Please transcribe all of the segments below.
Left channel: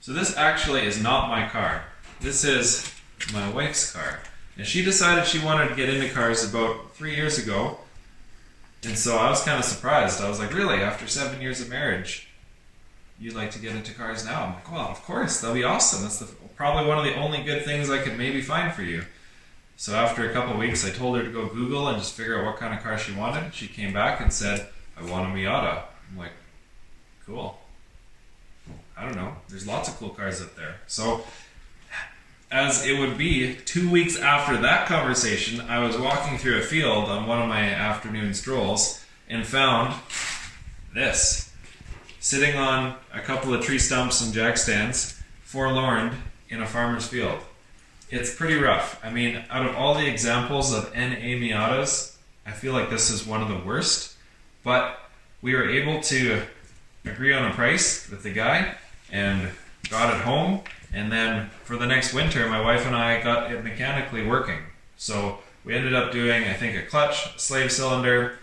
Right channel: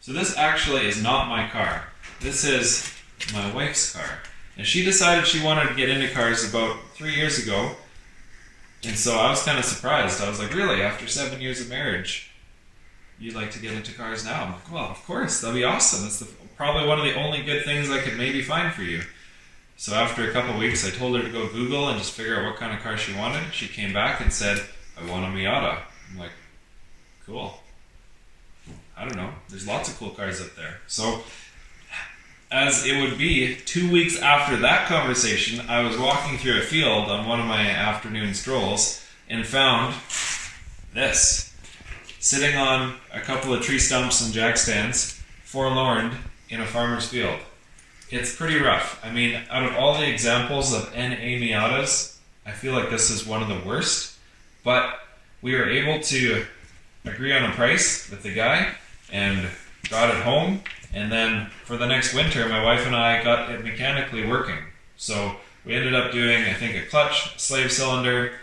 So this actually is not my car. This is my wife's car. And she decided she wanted to get into cars about 3 years ago. And so I was kind of surprised. I was like, really? After 7 years of marriage, you'd like to get into cars now? I'm like, well, of course. That'll be awesome. That's probably one of the only good things I could maybe find for you. So after a couple of weeks, I told her to go Google and just figure out what kind of car she wanted. She came back and said, I want a Miata. I'm like, cool. I don't know. There's lots of cool cars up there. So, as it would be, 2 weeks after that conversation, I was walking through a field on one of my afternoon strolls and found this. Sitting on a couple of tree stumps and jack stands, forlorn in a farmer's field. It's pretty rough. I mean, out of all the examples of NA Miatas, I feel like this is one of the worst. But we were able to agree on a price with the guy and got it home. And then for the next winter, my wife and I got it mechanically working. So we ended up doing, I think, a clutch, slave cylinder,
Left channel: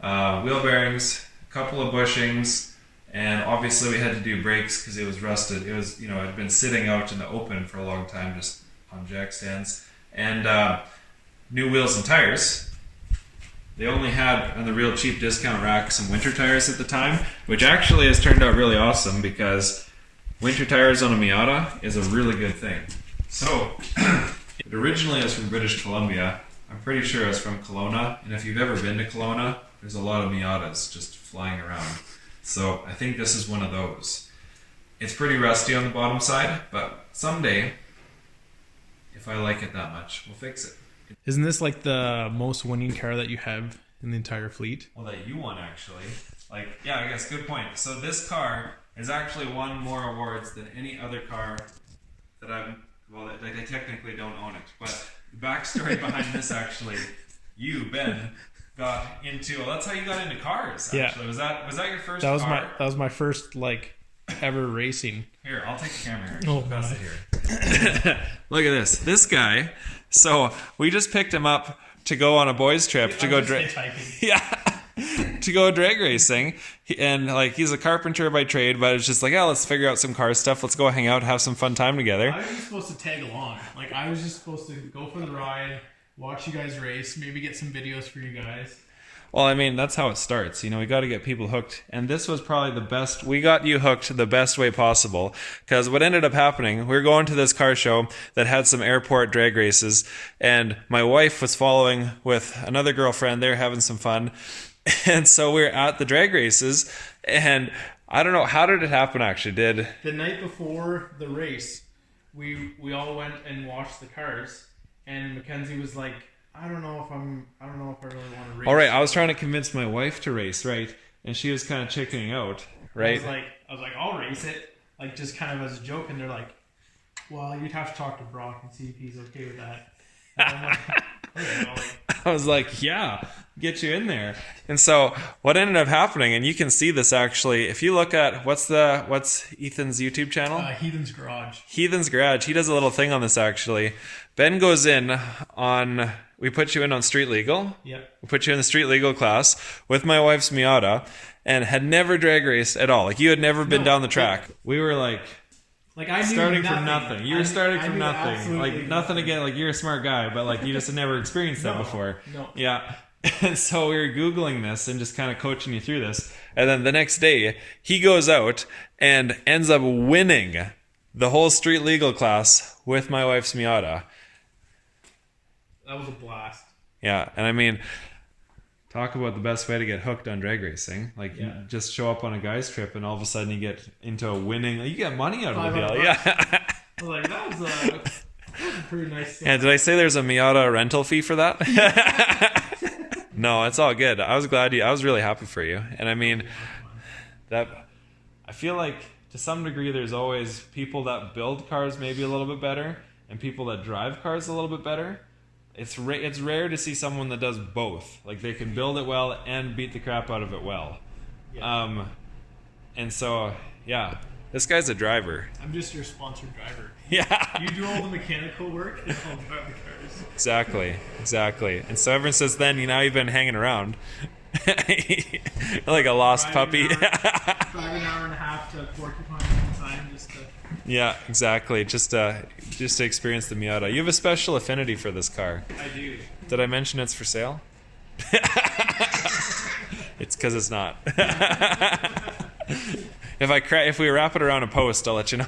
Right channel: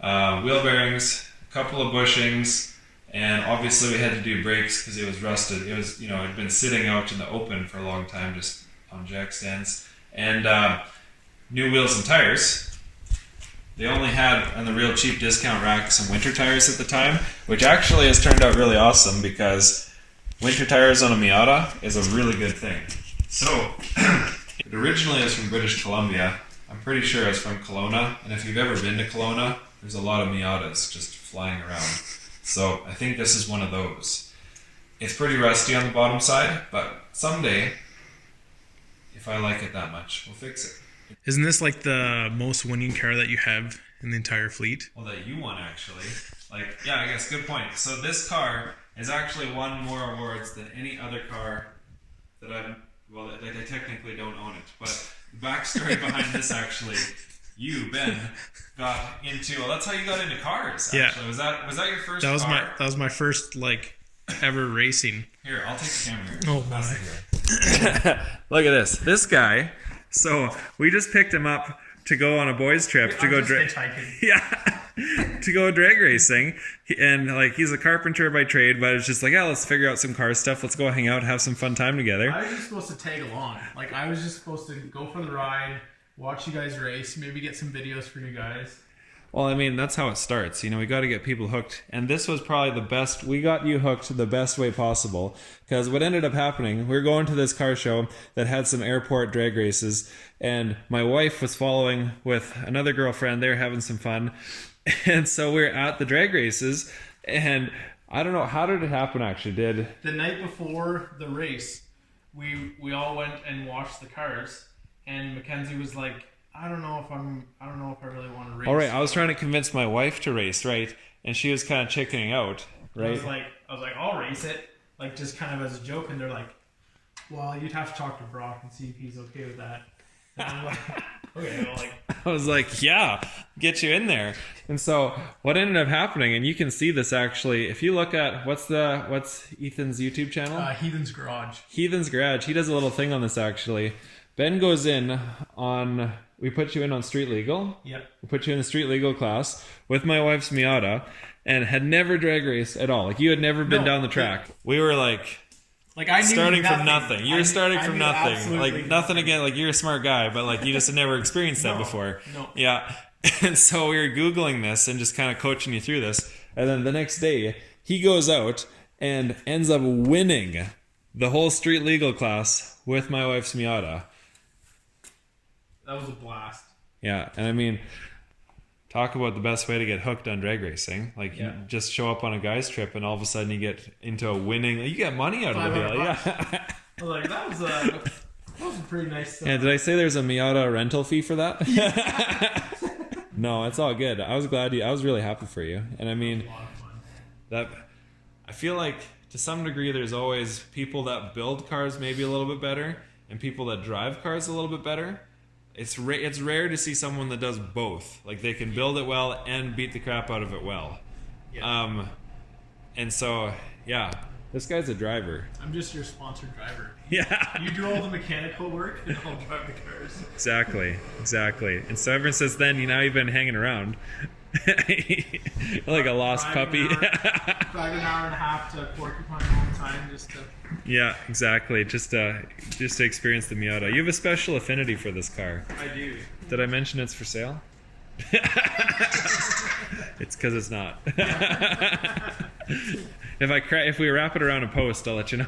wheel bearings, a couple of bushings, and obviously we had to do brakes because it was rusted. It was, it had been sitting out in the open for a long time, just on jack stands. And new wheels and tires. They only had, on the real cheap discount rack, some winter tires at the time, which actually has turned out really awesome because winter tires on a Miata is a really good thing. So, it originally is from British Columbia. I'm pretty sure it's from Kelowna, and if you've ever been to Kelowna, there's a lot of Miatas just flying around. So, I think this is one of those. It's pretty rusty on the bottom side, but someday, if I like it that much, we'll fix it. Isn't this like the most winning car that you have in the entire fleet? Well, that you won, actually. Yeah, I guess, good point. So this car has actually won more awards than any other car that I technically don't own it. But the backstory behind this, actually, you, Ben, got into, that's how you got into cars, actually. Yeah. Was that your first car? That was my first, ever racing. Here, I'll take the camera here. Oh, my. Here. Look at this. This guy... So we just picked him up to go on a boys' trip to go drag racing, and he's a carpenter by trade, but it's just let's figure out some car stuff. Let's go hang out, have some fun time together. I was just supposed to tag along. I was just supposed to go for the ride, watch you guys race, maybe get some videos for you guys. Well, I mean, that's how it starts. We got to get people hooked. And this was probably the best. We got you hooked the best way possible. Because what ended up happening, we were going to this car show that had some airport drag races. And my wife was following with another girlfriend. They were having some fun. And so we were at the drag races. And I don't know, how did it happen actually? The night before the race, we all went and watched the cars. And Mackenzie was like, I don't know if I really want to race. All right, I was trying to convince my wife to race, right? And she was kind of chickening out, right? I was like, I'll race it, just kind of as a joke. And they're like, well, you'd have to talk to Brock and see if he's okay with that. And I was like, okay. I was like, yeah, get you in there. And so what ended up happening, and you can see this actually, if you look at what's Ethan's YouTube channel? Heathen's Garage. Heathen's Garage. He does a little thing on this actually. Ben goes in on. We put you in on street legal. Yeah. We put you in the street legal class with my wife's Miata, and had never drag raced at all. You had never been down the track. We were I knew starting from nothing. You were starting from nothing. Nothing again. You're a smart guy, but you just had never experienced that before. No. Yeah. And so we were Googling this and just kind of coaching you through this. And then the next day, he goes out and ends up winning the whole street legal class with my wife's Miata. That was a blast. Yeah, and I mean, talk about the best way to get hooked on drag racing. You just show up on a guy's trip and all of a sudden you get into a winning... You get money out of the deal. Yeah. I was like, that was a pretty nice... Yeah, did I say there's a Miata rental fee for that? No, it's all good. I was really happy for you. And I mean, I feel like to some degree there's always people that build cars maybe a little bit better and people that drive cars a little bit better. It's rare to see someone that does both. They can build it well and beat the crap out of it well. Yeah. And so, yeah, this guy's a driver. I'm just your sponsored driver. Yeah. You do all the mechanical work and I'll drive the cars. Exactly. And so ever since then, now you've been hanging around. Like a lost Drive puppy. Drive an hour and a half to Porcupine all the time just to. Yeah, exactly. Just to experience the Miata. You have a special affinity for this car. I do. Did I mention it's for sale? It's because it's not. If we wrap it around a post, I'll let you know.